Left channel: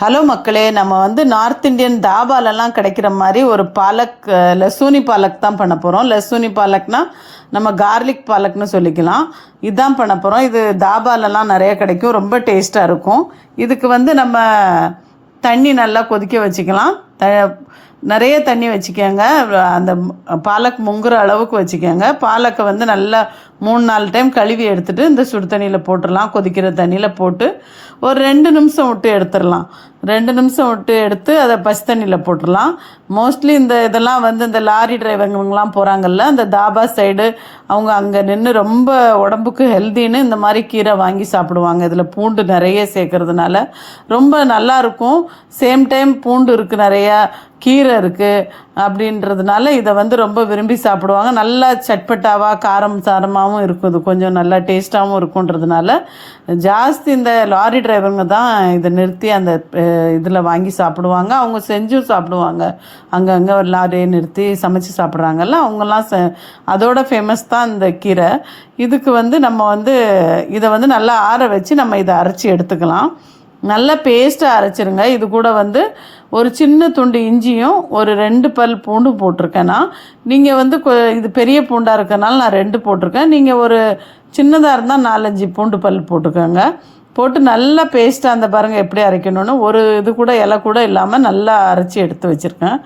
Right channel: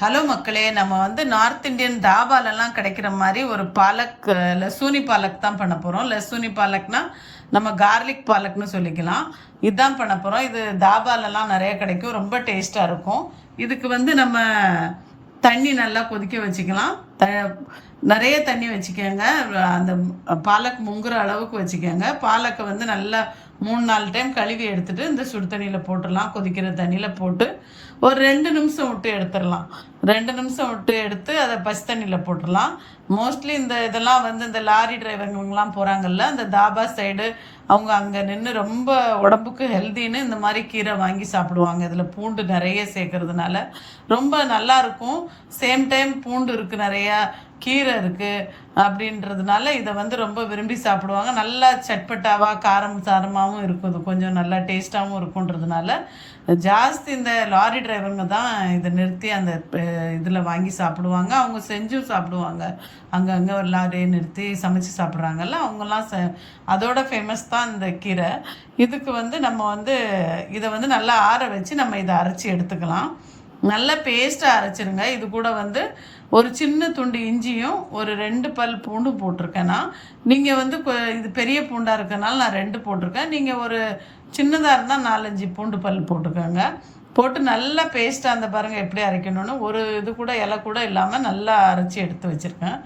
Hello மக்களே, நம்ம வந்து நார்த் இந்தியன் தாபாலெல்லாம் கிடைக்கிற மாதிரி ஒரு பாலக் லசூனி பாலக் தான் பண்ண போகிறோம். லசூனி பாலக்னா நம்ம கார்லிக் பாலக்னு சொல்லிக்கலாம். இதுதான் பண்ண போகிறோம். இது தாபாலெல்லாம் நிறைய கிடைக்கும், ரொம்ப டேஸ்ட்டாக இருக்கும். இதுக்கு வந்து நம்ம தண்ணி நல்லா கொதிக்க வச்சுக்கலாம். நிறைய தண்ணி வச்சுக்கோங்க. அந்த பாலக் முங்குற அளவுக்கு வச்சுக்கோங்க. பாலக்கை வந்து நல்லா 3-4 டைம் கழுவி எடுத்துகிட்டு இந்த சுடு தண்ணியில் போட்டுடலாம். கொதிக்கிற தண்ணியில் போட்டு ஒரு 2 நிமிஷம் விட்டு எடுத்துடலாம். 2 நிமிஷம் விட்டு எடுத்து அதை பச்சை தண்ணியில் போட்டுடலாம். மோஸ்ட்லி இதெல்லாம் வந்து இந்த லாரி டிரைவருங்கெலாம் போகிறாங்கல்ல, அந்த தாபா சைடு, அவங்க அங்கே நின்று ரொம்ப உடம்புக்கு ஹெல்த்தின்னு இந்த மாதிரி கீரை வாங்கி சாப்பிடுவாங்க. இதில் பூண்டு நிறைய சேர்க்கறதுனால ரொம்ப நல்லாயிருக்கும். சேம் டைம் பூண்டு இருக்குது, நிறையா கீரை இருக்குது அப்படின்றதுனால இதை வந்து ரொம்ப விரும்பி சாப்பிடுவாங்க. நல்லா சட்பட்டாவாக காரம் சாரமாகவும் இருக்கும். இது கொஞ்சம் நல்லா டேஸ்ட்டாகவும் இருக்குன்றதுனால ஜாஸ்தி இந்த லாரி டிரைவருங்க தான் இதை நிறுத்தி அந்த இதில் வாங்கி சாப்பிடுவாங்க. அவங்க செஞ்சும் சாப்பிடுவாங்க. அங்கங்கே ஒரு லாரியை நிறுத்தி சமைச்சு சாப்பிட்றாங்கல்ல, அவங்கெல்லாம் அதோட ஃபேமஸ் தான் இந்த கீரை. இதுக்கு வந்து நம்ம வந்து இதை வந்து நல்லா ஆற வச்சு நம்ம இதை அரைச்சி எடுத்துக்கலாம். நல்லா பேஸ்ட்டாக அரைச்சிருங்க. இது கூட வந்து ஒரு சின்ன துண்டு இஞ்சியும் ஒரு 2 பல் பூண்டு போட்டிருக்கேன்னா, நீங்கள் வந்து இது பெரிய பூண்டாக இருக்கனால நான் 2 போட்டிருக்கேன். நீங்கள் ஒரு சின்னதாக இருந்தால் 4-5 பூண்டு பல் போட்டுக்கோங்க. போட்டு நல்லா பேஸ்ட்டாக அந்த பாருங்கள் எப்படி அரைக்கணும்னு, ஒரு இது கூட இலை கூட இல்லாமல் நல்லா அரைச்சி எடுத்து வச்சுருக்கேன்.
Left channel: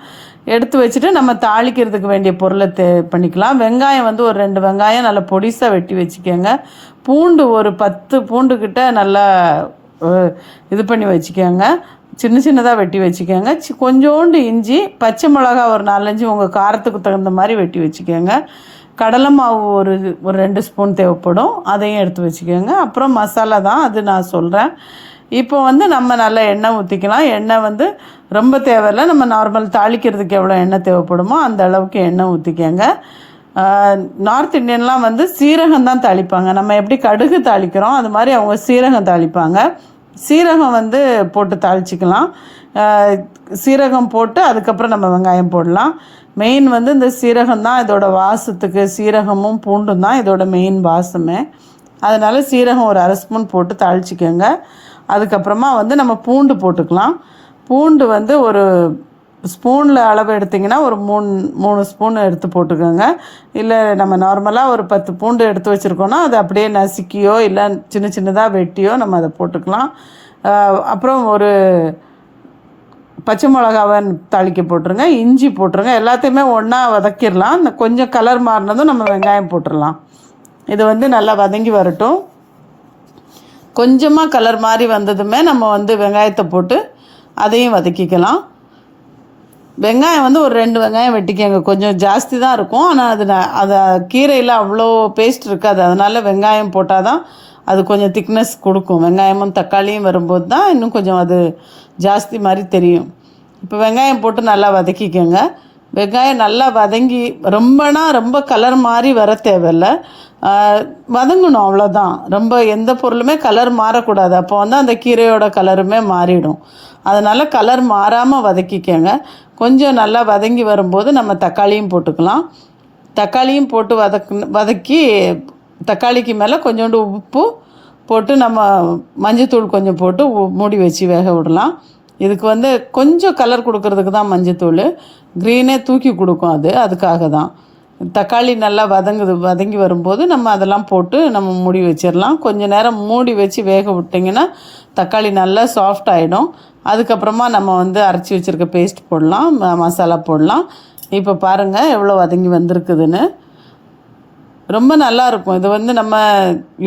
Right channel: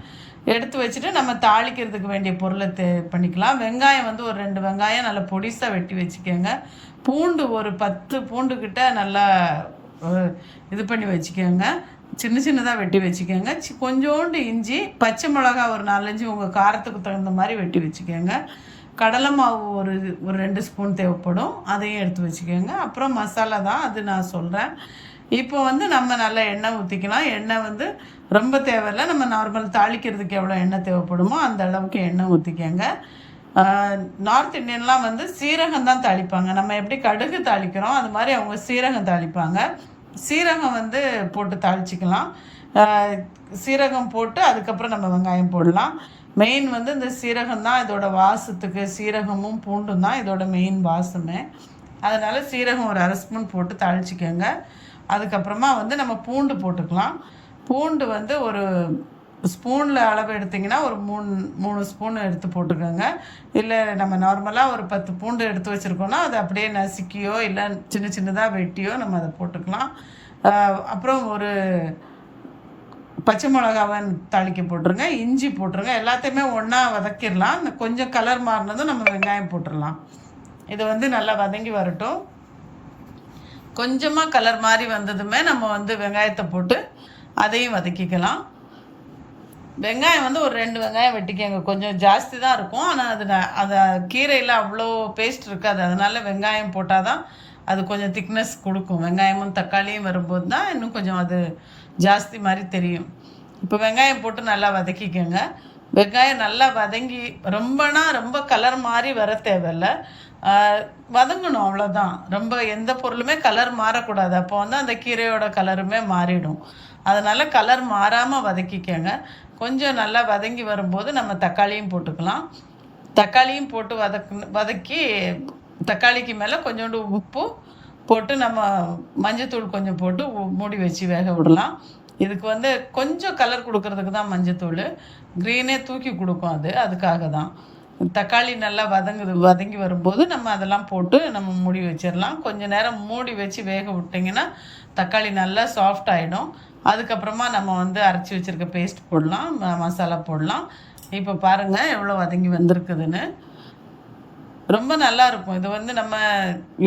எடுத்து வச்சுட்டு நம்ம தாளிக்கிறதுக்கு வேண்டிய பொருளை பண்ணிக்கலாம். வெங்காயம் வந்து ஒரு 2 வெங்காயம் நல்லா பொடிசாக வெட்டி வச்சுக்கோங்க. பூண்டு ஒரு 10 பூண்டுக்கிட்ட நல்லா இது பண்ணி வச்சுக்கோங்க. சின்னதாக வெட்டி வச்சுக்கோங்க. கொஞ்சோண்டு இஞ்சி, பச்சை மிளகா ஒரு 4-5 உங்கள் காரத்துக்கு தகுந்த மாதிரி வெட்டி வச்சுக்கோங்க. கடலை மாவு ஒரு 2 ஸ்பூன் தேவைப்படும், அதையும் எடுத்து வச்சுக்கோங்க. அப்புறம் மசாலா தான், அது நான் சொல்கிறேன். இப்போ வந்து நம்ம நல்லா எண்ணெய் ஊற்றிக்கலாம். எண்ணெய் வந்து ரொம்ப தேவையில்லை, நம்ம நார்மல் தாளிக்கிறதுக்கு எவ்வளோ எண்ணெய் தேவைப்படுமோ அந்த அளவுக்கு எண்ணெய் ஊற்றிக்கோங்க. நார்த் இந்தியன்லாம் வந்து சீரகம் தான் தாளிப்பாங்க. நம்ம எப்படி கடுகு தாளிக்கிறோம் அது மாதிரி அவங்க சீரகம் தாளிப்பாங்க. சீரகம் வந்து போட்டு தாளிச்சிக்கலாம். சீரகம் போட்டு அதுக்கப்புறம் நம்ம வெங்காயம் போடலாம். மெயின் வந்து இந்த சீரகம் தான் இதோட வாசத்துக்கு. சீரகமும் பூண்டும் தான் இதோட மெயின் வாசமே. அதனால் சீரகம் ஒரு 1/2 ஸ்பூன் போட்டு தாளிச்சிக்கோங்க. அதுக்கப்புறமா வந்து நம்ம பூண்டு போட்டுக்கலாம். பூண்டு வந்து ஒரு ஸ்பூனில் அளவு எடுத்திங்கன்னா ஒரு 3 ஸ்பூன் எடுத்து போட்டுக்கோங்க. இல்லை நம்ம நார்மலாக ஒரு 10 பூண்டு எடுத்து வச்சுருக்கோன்னா அதை அப்படியே நசுக்கியோ இல்லை சின்னதாக வெட்டியோ நம்ம அதை போட்டுக்கலாம். அப்புறம் ஒரு பச்சை மிளகாவை தாளிக்க போட்டுருங்க. இஞ்சி போட்டுருங்க. எல்லாத்தையுமே ஒன்றா வதக்கிடலாம். இந்த கொஞ்சம் கலர் மாறினதும் நம்ம வெங்காயம் போட்டுடலாம். இது வந்து நல்லா வதங்கி வரட்டும். கொஞ்சமாக கலர் மாதிரி வந்ததுமே நம்ம வந்து வெங்காயத்தை போட்டு அதையும் வதக்கிக்கலாம். வெங்காயம் வந்து ஒரு 2 வெங்காயம் வெட்டிக்கங்க. கொஞ்சம் ஜாஸ்தி தான் இருக்கும், ஆனால் அது கீரையில் அவ்வளோ பேஸ்ட் இருக்காது. அதனால் வெங்காயம் போட்டால் தான் அது கொஞ்சம் திக்னஸ் கொடுக்கும். வெங்காயமும் தக்காளியும் வரும்போது தான் இன்னும் கொஞ்சம் அது ஜாஸ்தி மாதிரி தெரியும். இப்போ வெங்காயம் போட்டு நல்லா வதக்கிக்கோங்க. வெங்காயம் நல்லா வதங்கி ரொம்ப கலர் மாதிரி வர தேவையில்லை, வதங்கணும், அவ்வளோதான். ரொம்ப எந்த பொருளுமே கலர் மாறக்கூடாது. அப்போ வந்து அந்த கீரையோட கலருமே மாறிடும். அதனால் கலர் மாறாமல் வதக்கிக்கோங்க. கொஞ்சம் நல்லா வதங்கி வரும்போது நம்ம தக்காளியும் போட்டுக்கலாம். தக்காளியும் போட்டு வதக்கி தக்காளிக்கு மேலே கொஞ்சோண்டு உப்பு போட்டு நம்ம மஞ்சத்தூள் கொஞ்சம் போட்டு மூடி வச்சு வேக விடலாம். இதுக்கு வந்து கொஞ்சம் கலர் கொடுக்கறதுக்கு தான் மஞ்சத்தூள், க்ரீனே தூக்கி கொடுக்கும் அதுக்காக தான். தக்காளி நல்லா வதங்கி வரும்போது நம்ம அதெல்லாம் போட்டு நம்ம மூடி வச்சிடலாம். கொஞ்சம் நேரம் மூடி வச்சு வேக விட்டிங்கன்னா தக்காளி நல்லா சாஃப்ட் ஆகிடும். அதுக்கப்புறமா நம்ம வந்து அரைச்சி வச்சுருக்க பேஸ்ட் போடலாம், மசாலா போடலாம். இப்போ பாருங்கள் எவ்வளோ வதங்கி வந்திருக்குதுன்னு. ரொம்ப நல்லாயிருக்கும். இது வந்து நம்ம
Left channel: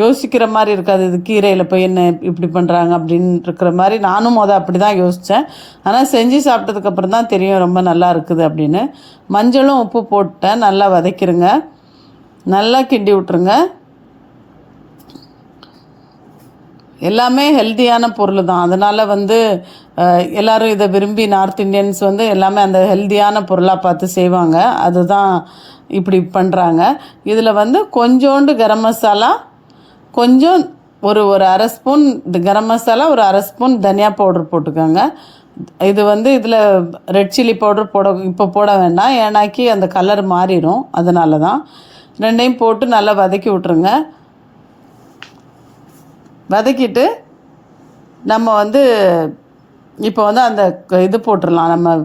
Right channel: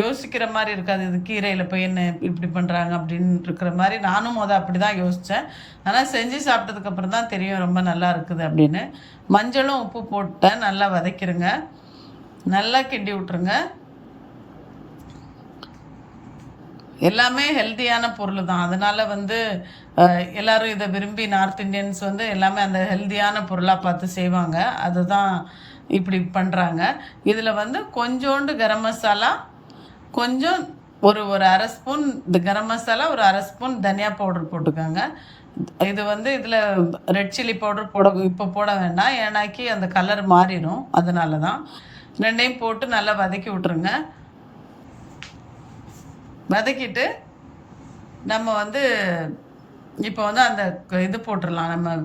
யோசிக்கிற மாதிரி இருக்காது. இது கீரையில் போய் என்ன இப்படி பண்ணுறாங்க அப்படின்னு இருக்கிற மாதிரி நானும் அப்படி தான் யோசித்தேன். ஆனால் செஞ்சு சாப்பிட்டதுக்கப்புறம் தான் தெரியும் ரொம்ப நல்லா இருக்குது அப்படின்னு. மஞ்சளும் உப்பு போட்டேன். நல்லா வதக்கிடுங்க. நல்லா கிண்டி விட்ருங்க. எல்லாமே ஹெல்த்தியான பொருள் தான். அதனால் வந்து எல்லோரும் இதை விரும்பி நார்த் இந்தியன்ஸ் வந்து எல்லாமே அந்த ஹெல்த்தியான பொருளாக பார்த்து செய்வாங்க. அதுதான் இப்படி பண்ணுறாங்க. இதில் வந்து கொஞ்சோண்டு கரம் மசாலா, கொஞ்சம் ஒரு 1/2 ஸ்பூன் இந்த கரம் மசாலா, ஒரு 1/2 ஸ்பூன் தனியா பவுடர் போட்டுக்கோங்க. இது வந்து இதில் ரெட் சில்லி பவுடர் இப்போ போட வேண்டாம், ஏன்னாக்கி அந்த கலர் மாறிடும். அதனால தான் 2யும் போட்டு நல்லா வதக்கி விட்ருங்க. வதக்கிட்டு நம்ம வந்து இப்போ வந்து அந்த இது போட்டுடலாம். நம்ம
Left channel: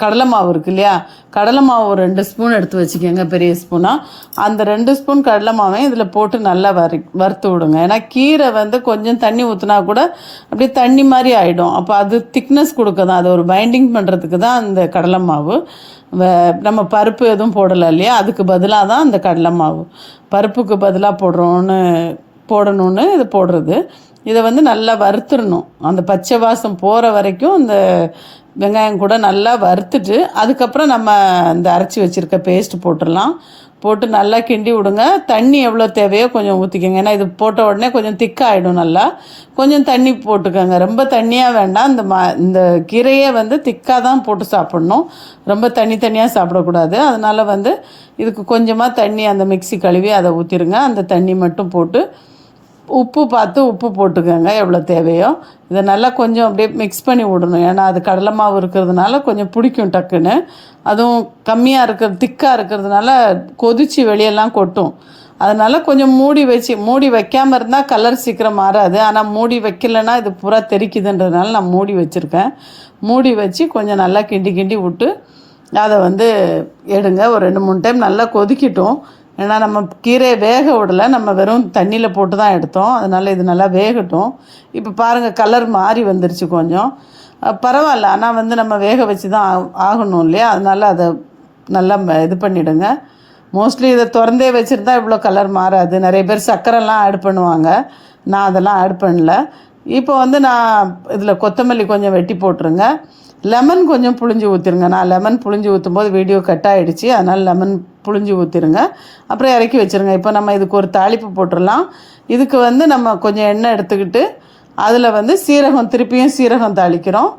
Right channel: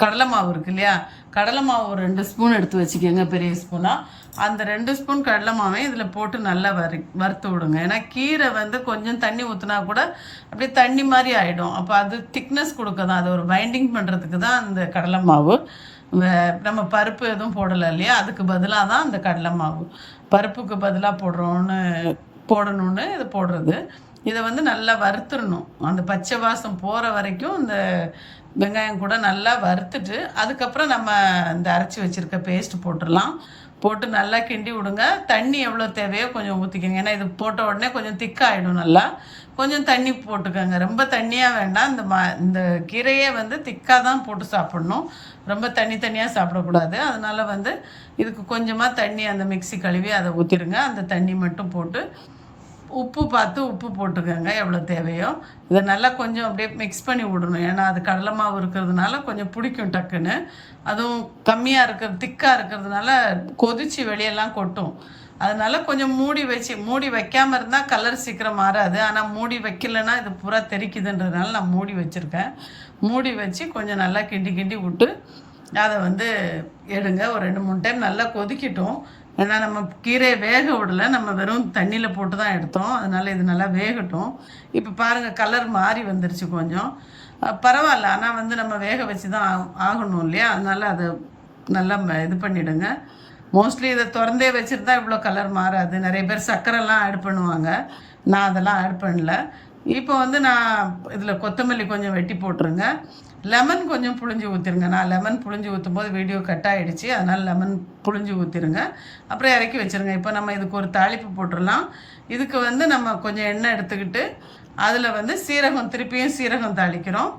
கடலை மாவு இருக்கு இல்லையா, கடலை மாவு ஒரு 2 ஸ்பூன் எடுத்து வச்சுக்கோங்க, பெரிய ஸ்பூனாக. அந்த 2 ஸ்பூன் கடலை மாவையும் இதில் போட்டு நல்லா வறுத்து விடுங்க. ஏன்னா கீரை வந்து கொஞ்சம் தண்ணி ஊற்றினா கூட அப்படியே தண்ணி மாதிரி ஆகிடும். அப்போ அது திக்னஸ் கொடுக்க தான், அது ஒரு பைண்டிங் பண்ணுறதுக்கு தான் அந்த கடலை மாவு. நம்ம பருப்பு எதுவும் போடலை இல்லையா, அதுக்கு பதிலாக தான் அந்த கடலை மாவு. பருப்புக்கு பதிலாக போடணும்னு இது போடுறது. இதை வந்து நல்லா வறுத்துடணும். அந்த பச்சை வாசம் போகிற வரைக்கும் இந்த வெங்காயம் கூட நல்லா வறுத்துட்டு அதுக்கப்புறம் நம்ம இந்த அரைச்சி வச்சுருக்க பேஸ்ட் போட்டுடலாம். போட்டு நல்லா கிண்டி விடுங்க. தண்ணி எவ்வளோ தேவையோ கொஞ்சம் ஊற்றிக்கோங்க. ஏன்னா இது போட்ட உடனே கொஞ்சம் திக்காகிடும். நல்லா கொஞ்சம் தண்ணி போட்டுக்கோங்க. ரொம்ப தண்ணியாக வேண்டாம். இந்த கீரையே வந்து திக்காக தான் போட்டு சாப்பிட்ணும். ரொம்ப தனியாக சாப்பிடக்கூடாது. அதனால் வந்து இதுக்கு கொஞ்சமாக தண்ணி, அந்த மிக்ஸி கழுவி அதை ஊற்றிடுங்க. அந்த தண்ணி மட்டும் போட்டு உப்பு பார்த்து உப்பு போட்டுக்கோங்க எவ்வளோ தேவையோ. இதை நல்லா கொஞ்சம் அப்படியே மிக்ஸ் பண்ணி விடணும். ஏன்னா அது கடலை மாவு இருக்கிறதுனால கொஞ்சம் பிடிக்கும் டக்குன்னு. அதுவும் கம்மியாக திக்காக இருக்கிறதுனால கொதித்து வெளியெல்லாம் கொட்டும். அதனால் கொஞ்சம் மூடி வைக்காமல் இருந்தால் கலர் சீக்கிரம் மாறாது. ஆனால் மூடி வைக்கலைன்னா இது பூரா தெறிக்குதுன்றதுனால நான் மூடி வச்சுருக்கேன். மூடி வச்சு கொஞ்சம் நல்லா கிண்டி விட்டு அதை வந்து எடுங்க. ஒரு 2-3 டைம் நல்லா கொதிக்கட்டும். ஏன்னா நம்ம கீரையை வேக விடலை, நம்ம வெறும் தண்ணியில் போட்டு தான் எடுத்தோம். அதனால் இது நல்லா வேகட்டும். இப்போ பாருங்கள், கலர் மாறி வந்துருச்சு கொஞ்சம். பரவாயில்ல, ஆனால் வந்து நம்ம வேக வச்சு தான் ஆகணும் இல்லையா, அதனால் அதை நல்லா இது பண்ணிவிடுங்க. மோஸ்ட்லி இதை திறந்தே வச்சுருந்தா இவ்வளோ கலர் மாறாது. நிறைய பேர் சர்க்கரைலாம் ஆட் பண்ணுவாங்க. நான் அதெல்லாம் ஆட் பண்ணல. இப்போ வந்து நான் இதில் கொத்தமல்லி கொஞ்சம் வெட்டி போட்டுருங்க. லெமன் கொஞ்சம் புழிஞ்சு ஊற்றிருங்க. நான் லெமன் புழிஞ்சு ஊற்றும் போது வீடியோ கட் ஆகிடுச்சு, அதனால் லெமன் புழிஞ்சு ஊற்றிருங்க. அப்புறம் இறக்கி வச்சுருங்க. இப்போ நம்ம இதுக்கு ஒரு தாளிப்பு போட்டுடலாம். இதுக்கு வந்து நம்ம கொஞ்சம் எண்ணெய் எடுத்துக்கிட்டு அதில் வந்து திருப்பியும் சீரகம் தாளிக்கிறோம்.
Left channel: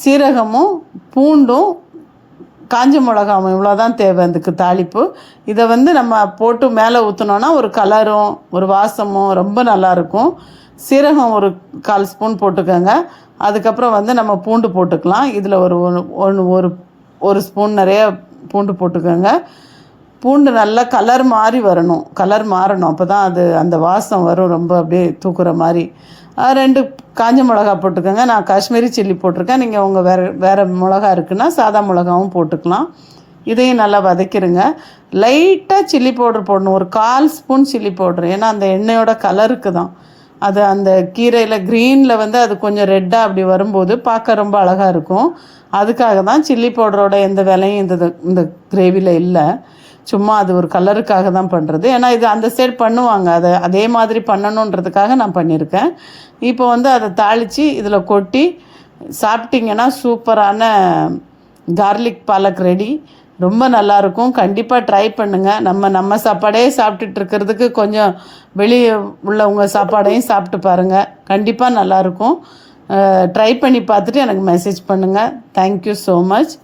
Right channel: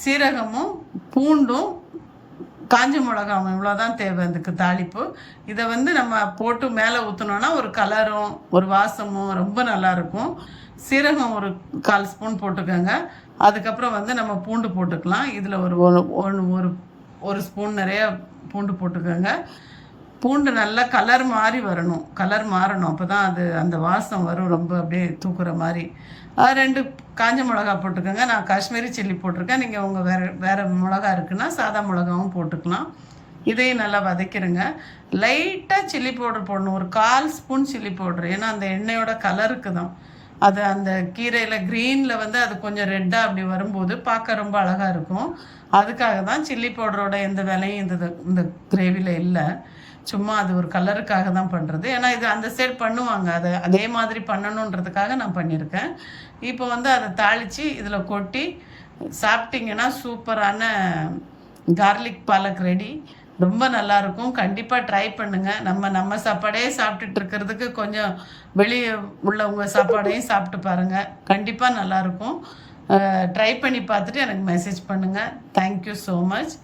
சீரகமும் பூண்டும் காஞ்ச மிளகாவும் இவ்வளோ தான் தேவை அதுக்கு தாளிப்பு. இதை வந்து நம்ம போட்டு மேலே ஊற்றினோன்னா ஒரு கலரும் ஒரு வாசமும் ரொம்ப நல்லாயிருக்கும். சீரகம் ஒரு 1/4 ஸ்பூன் போட்டுக்கோங்க. அதுக்கப்புறம் வந்து நம்ம பூண்டு போட்டுக்கலாம். இதில் ஒரு ஸ்பூன் நிறைய பூண்டு போட்டுக்கோங்க. பூண்டு நல்லா கலர் மாறணும். அப்போ தான் அது அந்த வாசம் வரும், ரொம்ப அப்படியே தூக்குற மாதிரி. 2 காஞ்ச மிளகா போட்டுக்கோங்க. நான் காஷ்மீரி சில்லி போட்டிருக்கேன். நீங்கள் உங்கள் வேறு மிளகா இருக்குன்னா சாதா மிளகாவும் போட்டுக்கலாம். இதையும் நல்லா வதக்கிடுங்க. லைட்டாக சில்லி பவுடர் போடணும், ஒரு 1/4 ஸ்பூன் சில்லி பவுடர். ஏன்னா அந்த எண்ணெயோட கலருக்கு தான் அது. அந்த கீரையில் க்ரீனில் வந்து அது கொஞ்சம் ரெட்டாக அப்படி வரும்போது பார்க்க ரொம்ப அழகாக இருக்கும். அதுக்காக தான் சில்லி பவுடரோட எந்த விலையும் இந்த கிரேவியில் இல்லை. சும்மா அது ஒரு கலருக்காக தான் பண்ணுறது. ஏன்னா இது அந்த சைடு பண்ணுவாங்க, அதே மாதிரி பண்ணணுன்றதுக்காக நான் பண்ணியிருக்கேன். இப்போ வந்து அதை தாளித்து இதில் கொட்டி சாப்பிட்டிங்கன்னா சூப்பரான கார்லிக் பாலக் ரெடி. ரொம்ப நல்லாயிருக்கும். கண்டிப்பாக ட்ரை பண்ணுங்கள். நம்ம சாப்பாடே சாப்பிட்டுட்டு இருக்கிறதுக்கு கொஞ்சம் வெளியே உள்ளவங்க சாப்பாடையும் சாப்பிட்டு பாருங்கள். கண்டிப்பாக நல்லாயிருக்கும். ட்ரை பண்ணி பார்த்துட்டு எனக்கு மெசேஜ் பண்ணுங்கள். Thank you so much.